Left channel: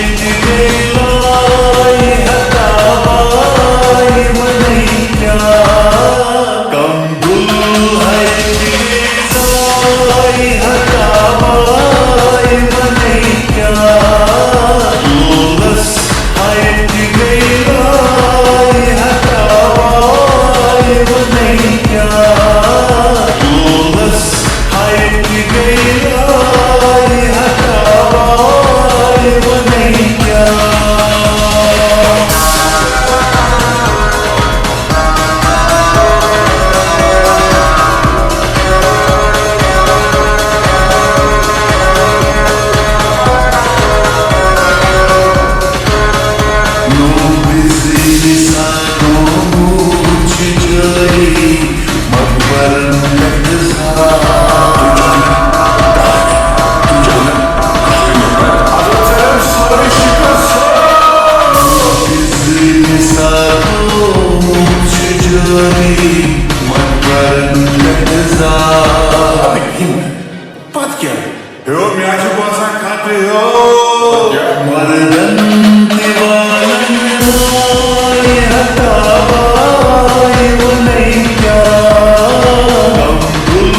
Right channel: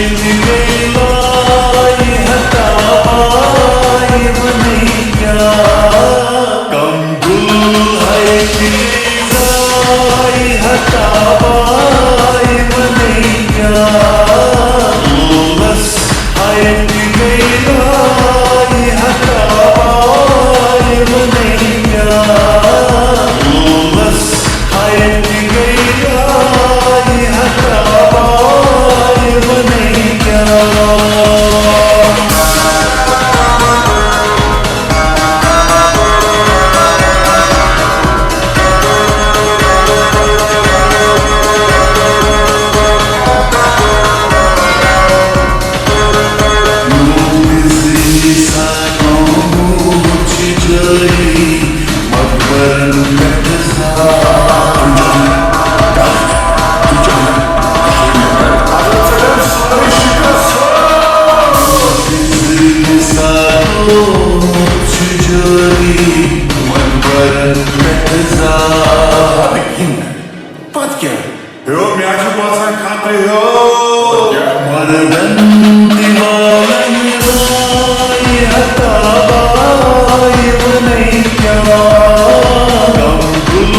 hayat gayलाई hatabai manaiya kam gul hayat gayलाई hatabai manaiya lolas hayat gayलाई hatabai manaiya lolas hayat gayलाई hatabai manaiya Yo, me acha bossa country, yo. मर्दन दीवालन राय हताबाई वनैया गम गुल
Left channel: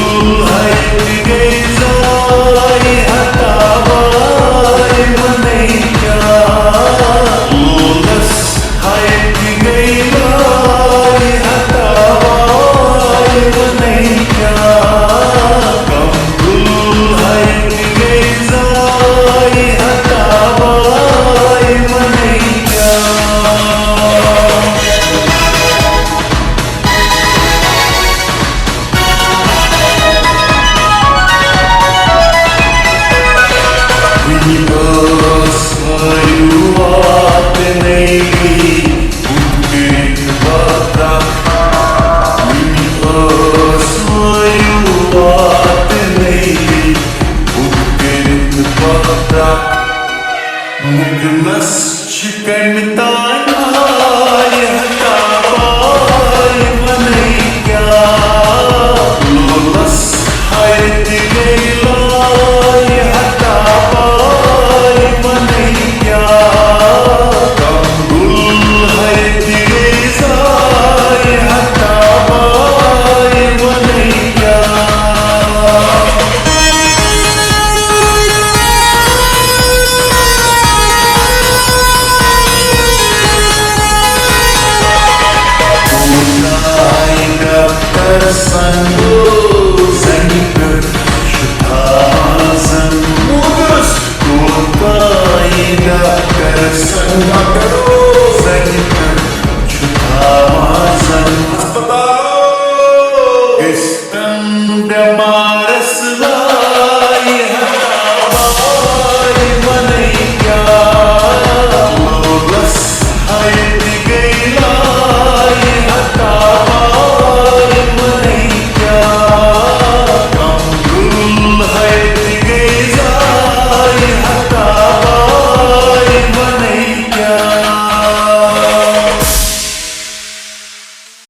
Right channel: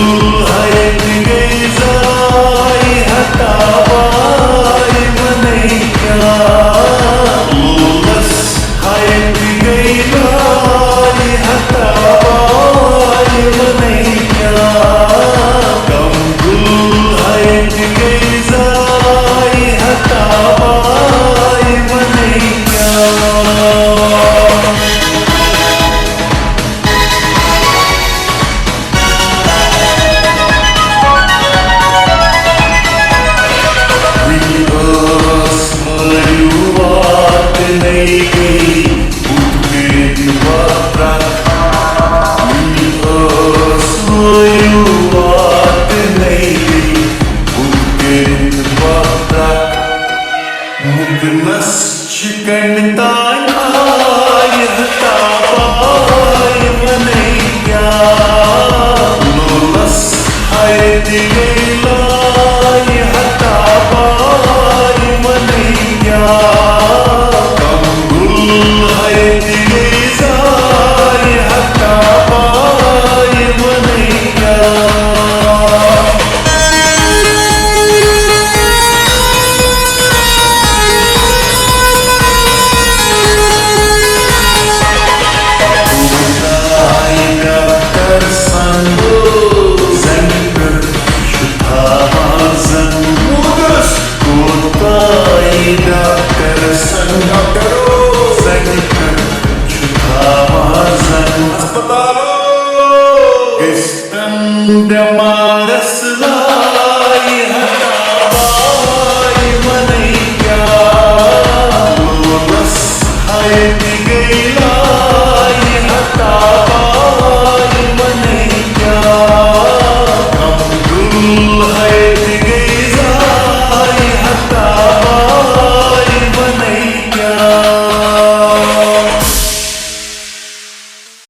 hayat gayzai hatabai वनैया lolas hayat gayzai hatabai वनैया गम गुल hayat gayzai hatabai वनैया स्वरुवात नहीं गई उत्कृत बात स्वरुवात नहीं गई उत्कृत बात मुगनस चिकन तान आय हताबाई वनैया लोलस hayat gayलाई hatabai वनैया kam gul hayat gayzai hatabai वनैया Dokter sango zangi per şutazan Mudas. Kotay dokter sango zangi per şutazan Hospitalo. Gestanda marasla